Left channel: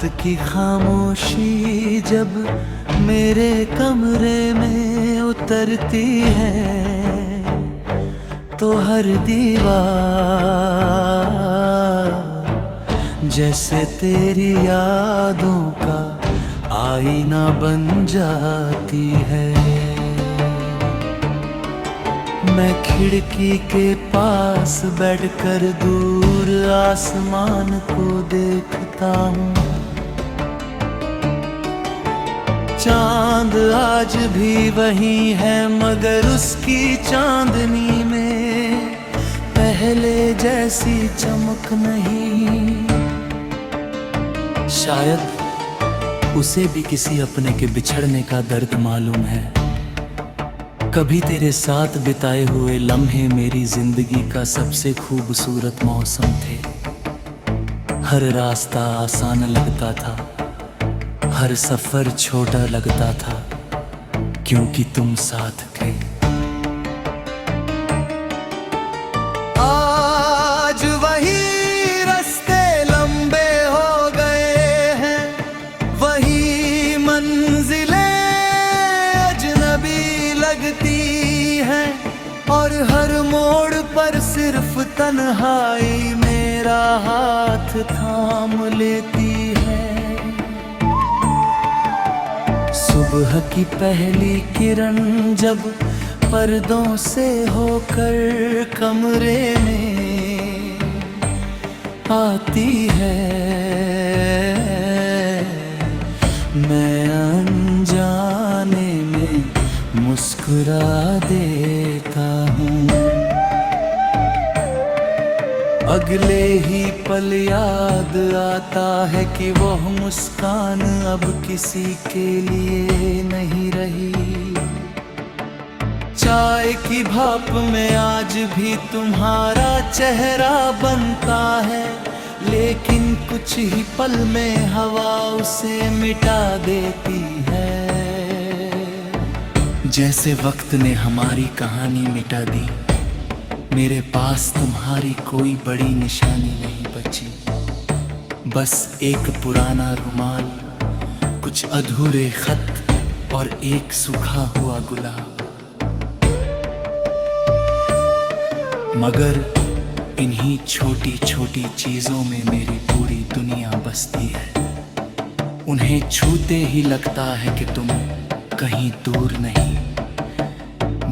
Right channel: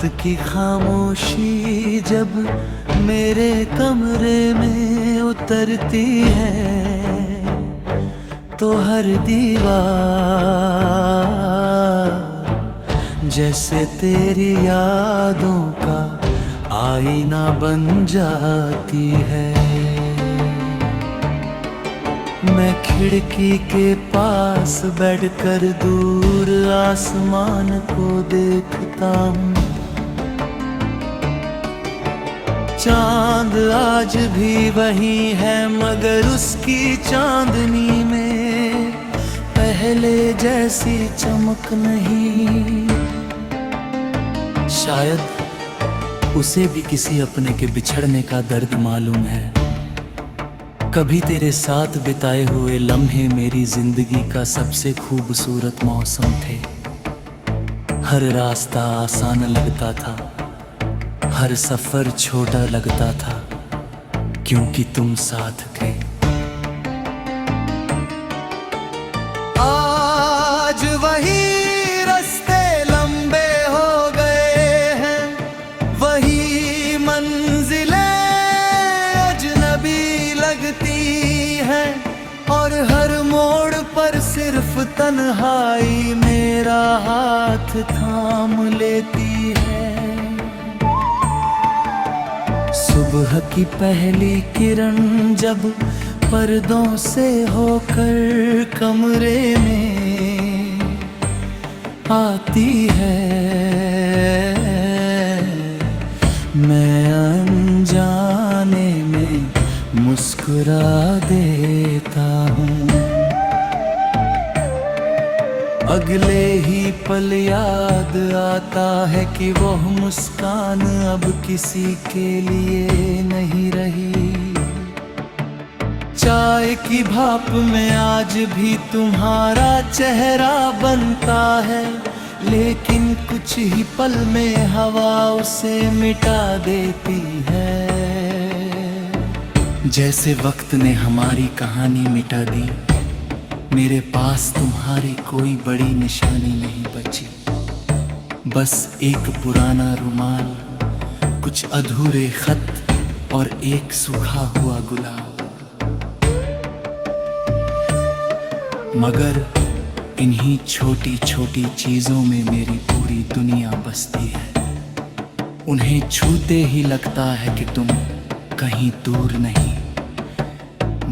रात की खामोशी जब मेरे कमरे में उतरती है तो हर दीवार जैसे तेरी यादों का आईना बन जाती है। मैं खिड़की के पास बैठकर दूर आसमान को देखता हूँ। चांद आज भी वही है मगर उसकी चांदनी में पहले जैसी चमक नहीं। शायद उसे भी किसी अपने के बिछड़ने का दर्द मालूम है। कभी तेरे साथ बिताए हुए लम्हे मेरी जिंदगी का सबसे खूबसूरत मौसम थे। हर रास्ता आसान लगता था, हर सफर छोटा लगता था क्योंकि तुम साथ थे। आज वही रास्ते लंबे हो गए हैं, वही मंजिलें अजनबी लगती हैं और हर मोड़ पर सिर्फ तन्हाई मेरा हाथ थाम लेती है। सुबह की पहली किरण जब पर्दों से होकर कमरे में आती है, मैं अनजाने में मुस्कुरा देता हूँ। अगले ही पल याद आता है कि वो मुस्कान अब किसी के लिए नहीं रही। चाय की भाप में आज भी तुम्हारा चेहरा बनता है, लेकिन कुछ ही पल में हवा उसे मिटा देती है। जैसे वक्त ने हमारी कहानी मिटा दी, मेरे पास तुम्हारी कोई बड़ी निशानी नहीं बची। बस एक पुराना रुमाल, कुछ अधूरे खत और एक सूखा हुआ गुलाब। मगर इन्हीं छोटी छोटी चीजों में मेरी पूरी दुनिया बसती है। उन्हें छूते ही लगता है कि तुम कहीं दूर नहीं,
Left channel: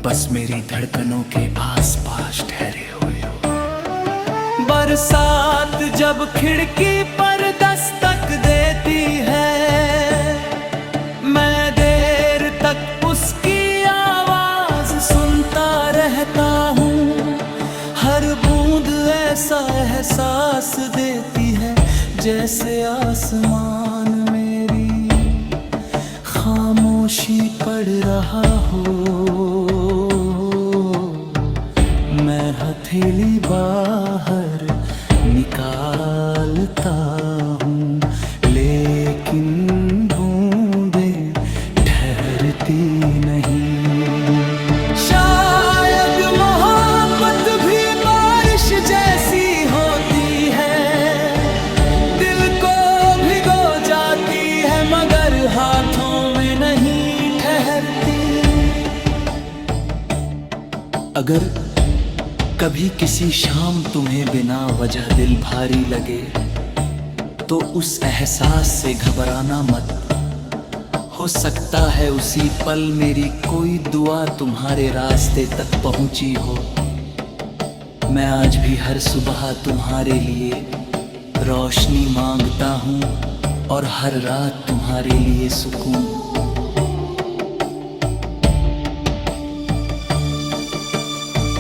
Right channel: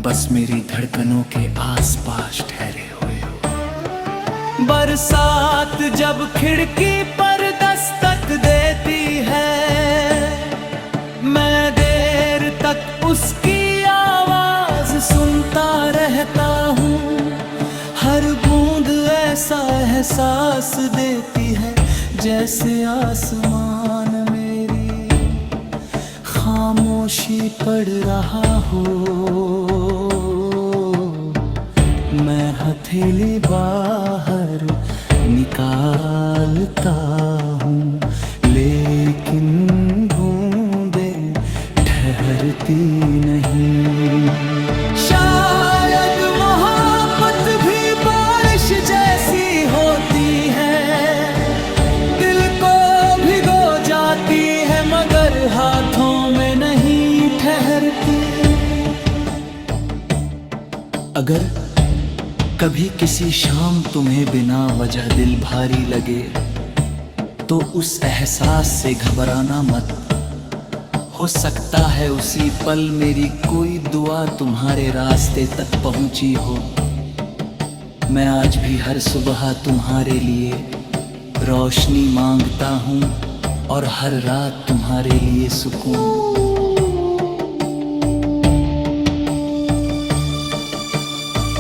बस मेरी धड़कनों के आसपास ठहरे हुए हो। बरसात जब खिड़की पर दस्तक देती है, मैं देर तक उसकी आवाज सुनता रहता हूँ। हर बूंद ऐसा एहसास देती है जैसे आसमान मेरी खामोशी पढ़ रहा हो। मैं हथेली बाहर निकालता हूँ, लेकिन बूंदें ठहरती नहीं। शायद मोहब्बत भी बारिश जैसी होती है, दिल को भिगो जाती है मगर हाथों में नहीं ठहरती। अगर कभी किसी शाम तुम्हें बिना वजह दिल भारी लगे तो उस एहसास से घबराना मत। हो सकता है उसी पल मेरी कोई दुआ तुम्हारे रास्ते तक पहुंची हो। मैं आज भी हर सुबह तुम्हारे लिए रोशनी मांगता हूँ और हर रात तुम्हारे लिए सुकून।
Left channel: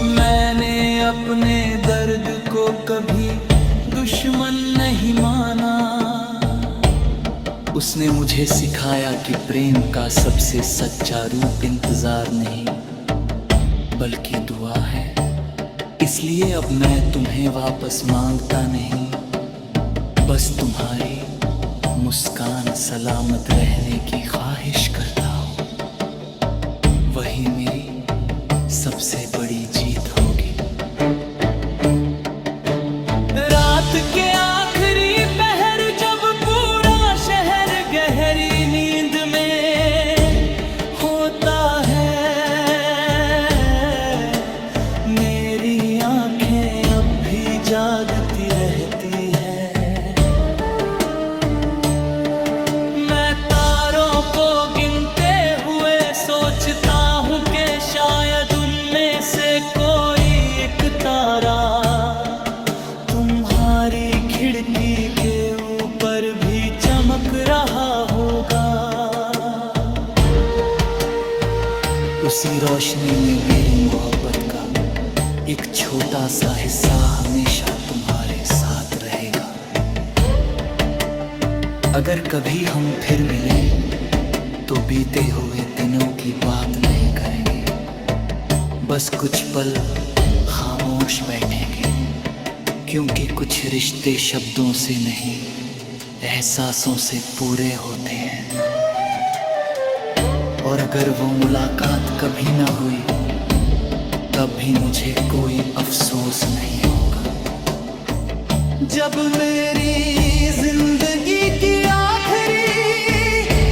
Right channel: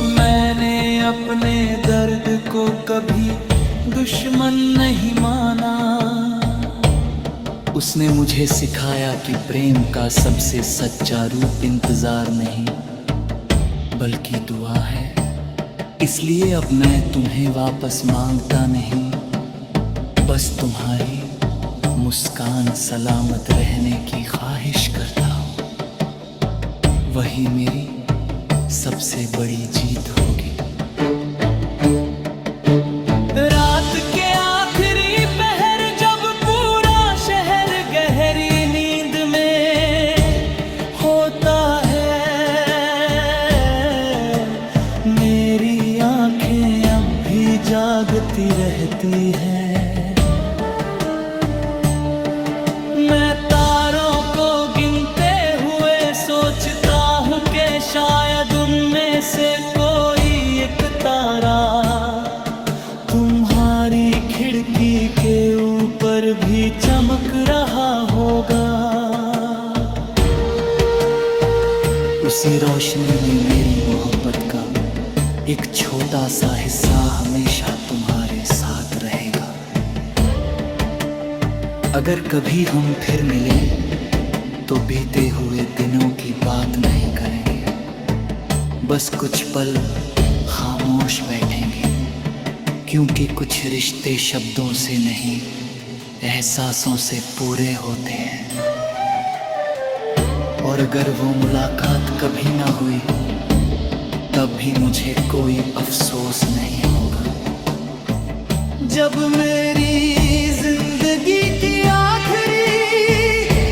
मैंने अपने दर्द को कभी दुश्मन नहीं माना। उसने मुझे सिखाया कि प्रेम का सबसे सच्चा रूप इंतजार नहीं बल्कि दुआ है। इसलिए अब मैं तुम्हें वापस मांगता नहीं, बस तुम्हारी मुस्कान सलामत रहने की ख्वाहिश करता हूँ। वही मेरी सबसे बड़ी जीत होगी। रात के आखिरी पहर जब पूरा आंखें अब भी जागती रहती हैं। मैं तारों को गिनते हुए सोचता हूँ कि शायद उनमें से कोई एक तारा तुम्हारी खिड़की के ऊपर भी चमक रहा होगा। उसी रोशनी में मेरी मोहब्बत का एक छोटा सा हिस्सा हमेशा तुम्हारे साथ रहेगा। अगर कभी हम फिर मिले तो बीते हुए दिनों की बात नहीं करेंगे, बस कुछ पल खामोश बैठेंगे, क्योंकि कुछ रिश्ते शब्दों से नहीं एहसासों से पूरे होते हैं। और अगर वो मुलाकात कभी ना हुई तब भी मुझे कोई अफसोस नहीं होगा। जब मेरी जिंदगी की आखिरी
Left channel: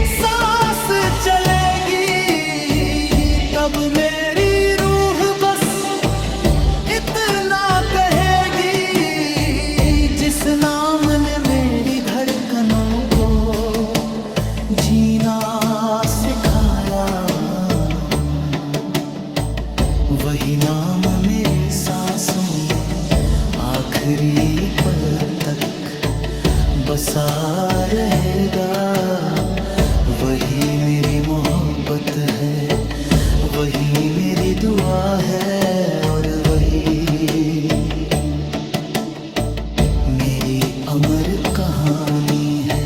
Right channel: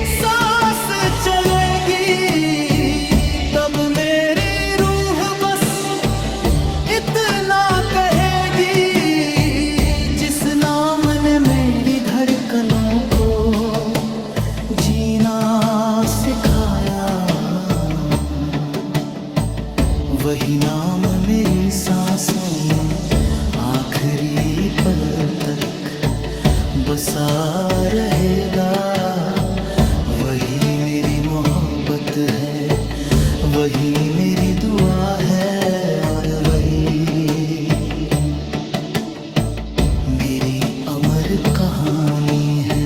सांस चलेगी तब मेरी रूह बस इतना कहेगी, जिस नाम ने मेरी धड़कनों को जीना सिखाया, वही नाम मेरी सांसों में आखिरी पल तक बसा रहेगा। वही मेरी मोहब्बत है, वही मेरी दुआ है, और वही मेरी अमर कहानी है।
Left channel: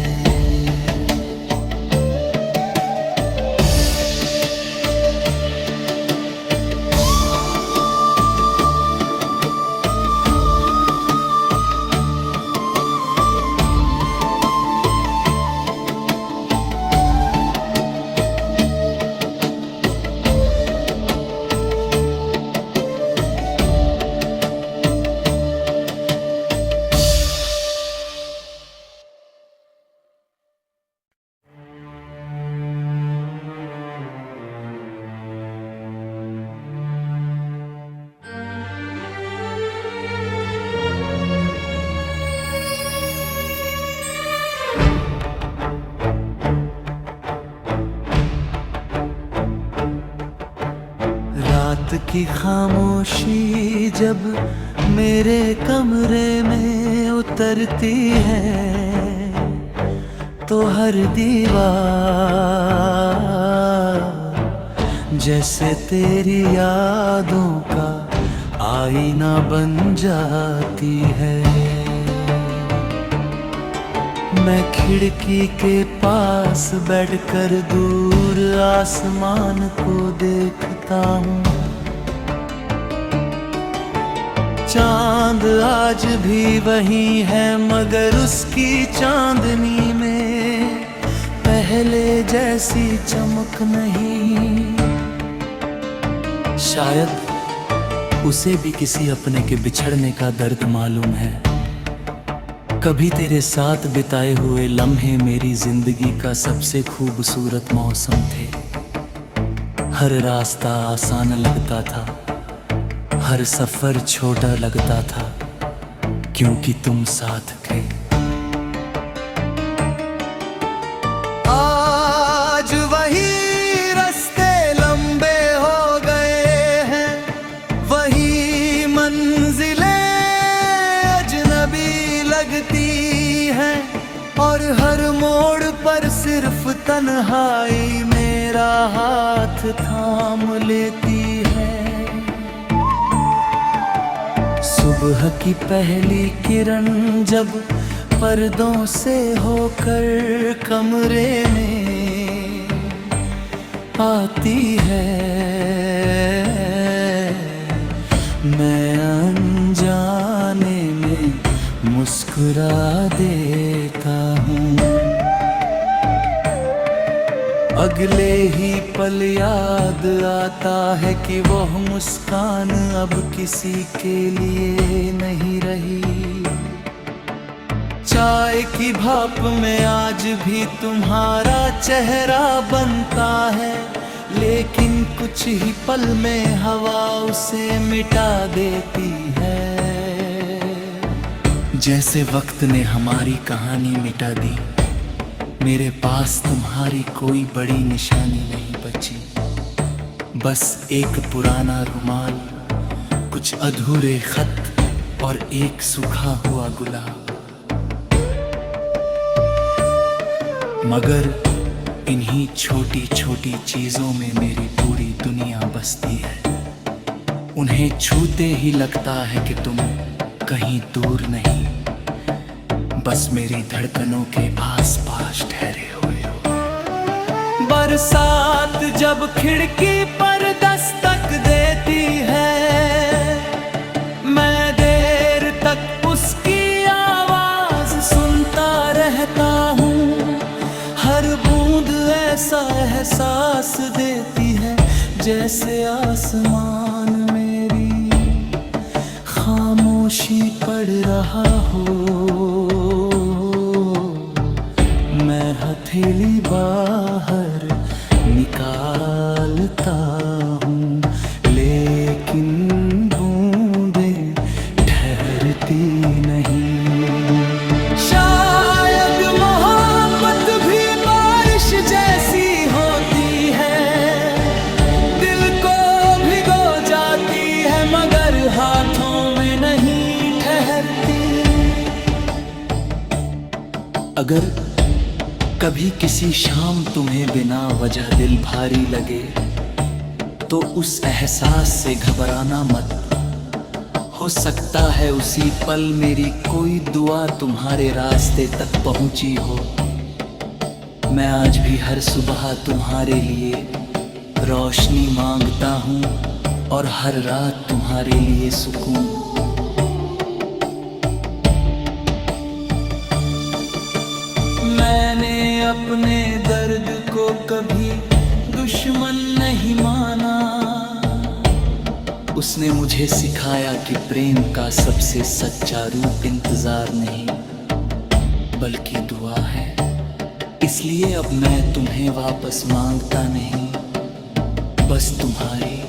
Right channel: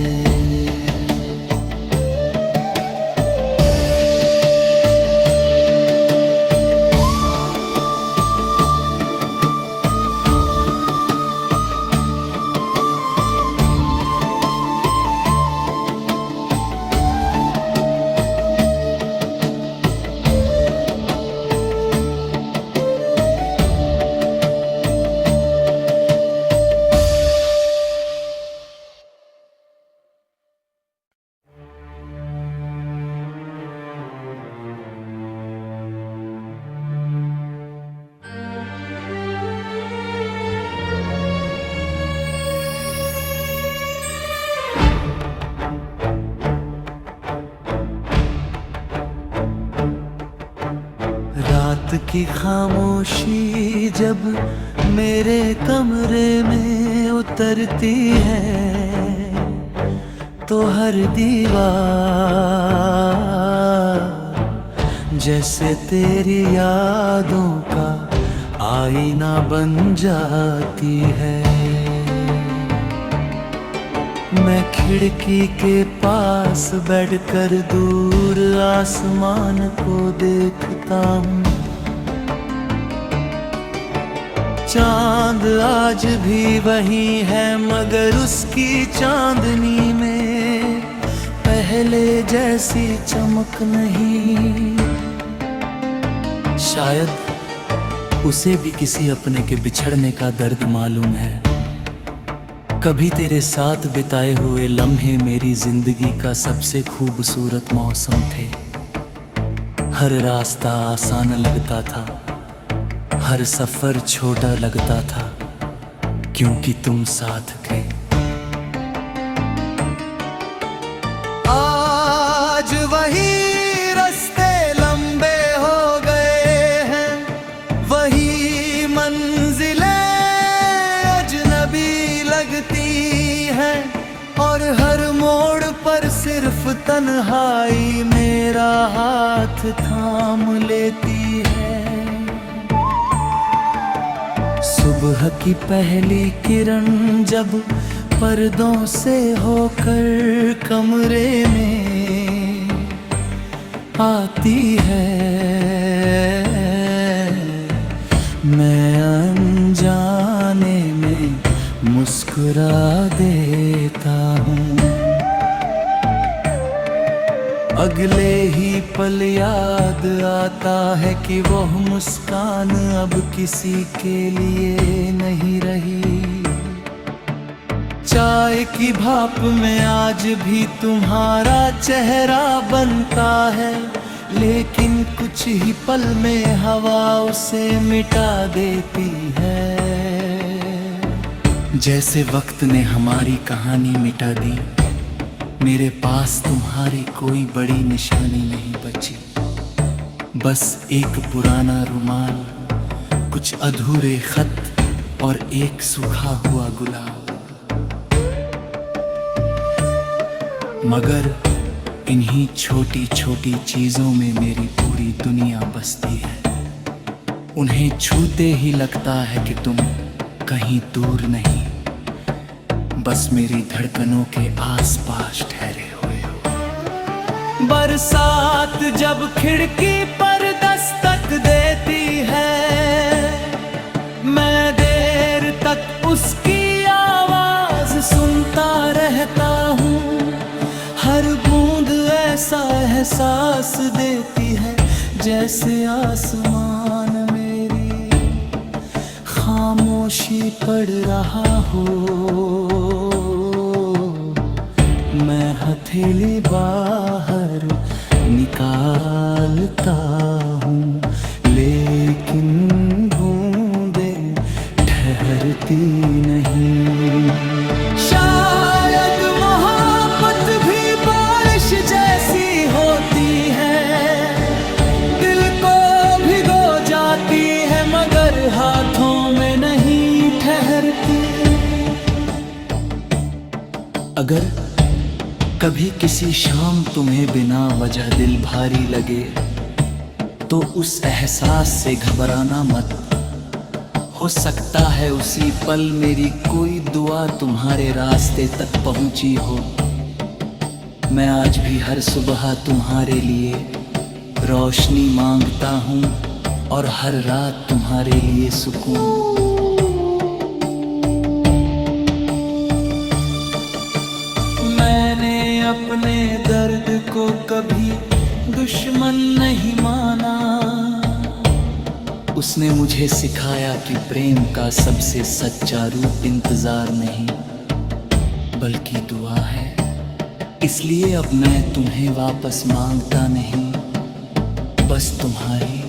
रात की खामोशी जब मेरे कमरे में उतरती है तो हर दीवार जैसे तेरी यादों का आईना बन जाती है। मैं खिड़की के पास बैठकर दूर आसमान को देखता हूँ। चांद आज भी वही है मगर उसकी चांदनी में पहले जैसी चमक नहीं। शायद उसे भी किसी अपने के बिछड़ने का दर्द मालूम है। कभी तेरे साथ बिताए हुए लम्हे मेरी जिंदगी का सबसे खूबसूरत मौसम थे। हर रास्ता आसान लगता था, हर सफर छोटा लगता था, क्योंकि तुम साथ थे। आज वही रास्ते लंबे हो गए हैं, वही मंजिलें अजनबी लगती हैं, और हर मोड़ पर सिर्फ तन्हाई मेरा हाथ थाम लेती है। सुबह की पहली किरण जब पर्दों से होकर कमरे में आती है, मैं अनजाने में मुस्कुरा देता हूँ। अगले ही पल याद आता है कि वो मुस्कान अब किसी के लिए नहीं रही। चाय की भाप में आज भी तुम्हारा चेहरा बनता है, लेकिन कुछ ही पल में हवा उसे मिटा देती है। जैसे वक्त ने हमारी कहानी मिटा दी, मेरे पास तुम्हारी कोई बड़ी निशानी नहीं बची। बस एक पुराना रुमाल, कुछ अधूरे खत और एक सूखा हुआ गुलाब। मगर इन्हीं छोटी छोटी चीजों में मेरी पूरी दुनिया बसती है। उन्हें छूते ही लगता है कि तुम कहीं दूर नहीं, बस मेरी धड़कनों के आसपास ठहरे हुए हो। बरसात जब खिड़की पर दस्तक देती है, मैं देर तक उसकी आवाज सुनता रहता हूँ। हर बूंद ऐसा एहसास देती है जैसे आसमान मेरी खामोशी पढ़ रहा हो। मैं हथेली बाहर निकालता हूँ, लेकिन बूंदें ठहरती नहीं। शायद मोहब्बत भी बारिश जैसी होती है, दिल को भिगो जाती है मगर हाथों में नहीं ठहरती। अगर कभी किसी शाम तुम्हें बिना वजह दिल भारी लगे, तो उस एहसास से घबराना मत। हो सकता है उसी पल मेरी कोई दुआ तुम्हारे रास्ते तक पहुंची हो। मैं आज भी हर सुबह तुम्हारे लिए रोशनी मांगता हूँ और हर रात तुम्हारे लिए सुकून। मैंने अपने दर्द को कभी दुश्मन नहीं माना। उसने मुझे सिखाया कि प्रेम का सबसे सच्चा रूप इंतजार नहीं बल्कि दुआ है। इसलिए अब मैं तुम्हें वापस मांगता नहीं, बस तुम्हारी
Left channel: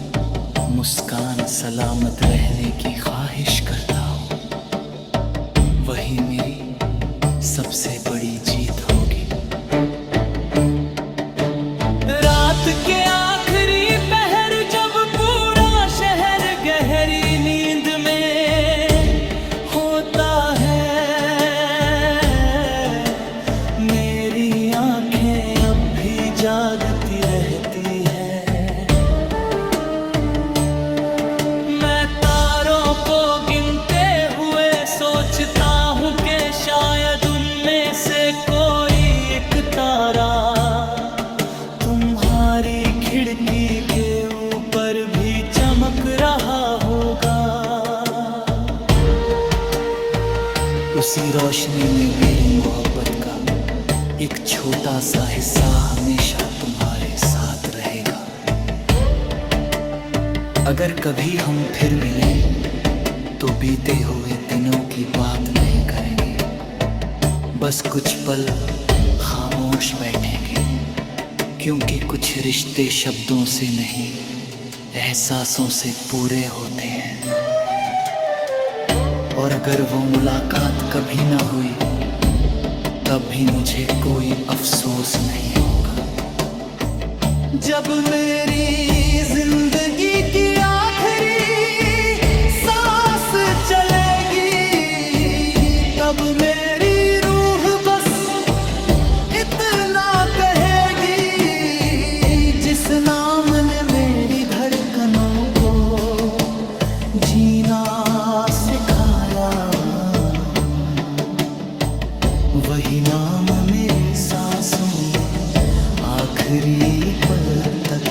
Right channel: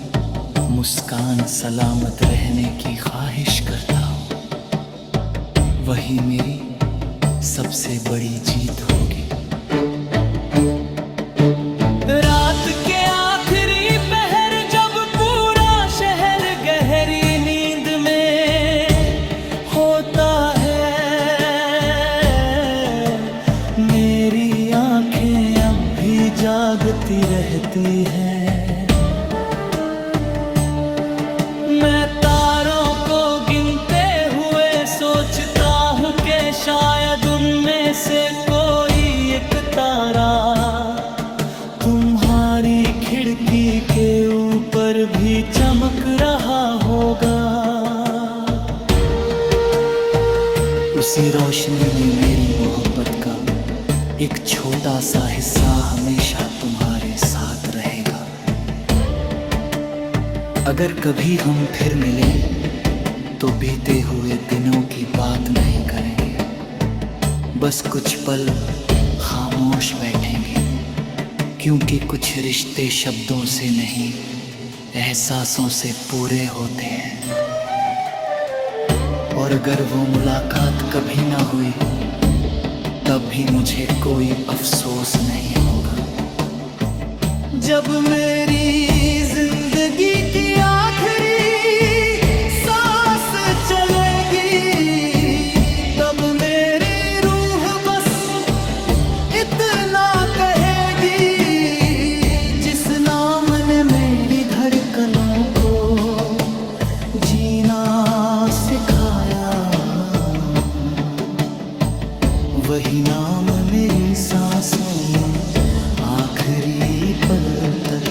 मुस्कान सलामत रहने की ख्वाहिश करता हूँ। वही मेरी सबसे बड़ी जीत होगी। रात के आखिरी पहर जब पूरा शहर गहरी नींद में होता है, मेरी आंखें अब भी जागती रहती हैं। मैं तारों को गिनते हुए सोचता हूँ कि शायद उनमें से कोई एक तारा तुम्हारी खिड़की के ऊपर भी चमक रहा होगा। उसी रोशनी में मेरी मोहब्बत का एक छोटा सा हिस्सा हमेशा तुम्हारे साथ रहेगा। अगर कभी हम फिर मिले तो बीते हुए दिनों की बात नहीं करेंगे, बस कुछ पल खामोश बैठेंगे। क्योंकि कुछ रिश्ते शब्दों से नहीं, एहसासों से पूरे होते हैं। और अगर वो मुलाकात कभी ना हुई, तब भी मुझे कोई अफसोस नहीं होगा। जब मेरी जिंदगी की आखिरी सांस चलेगी, तब मेरी रूह बस इतना कहेगी, जिस नाम ने मेरी धड़कनों को जीना सिखाया, वही नाम मेरी सांसों में आखिरी पल तक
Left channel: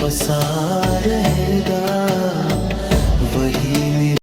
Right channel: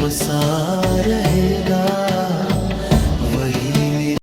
बसा रहेगा। वही मेरी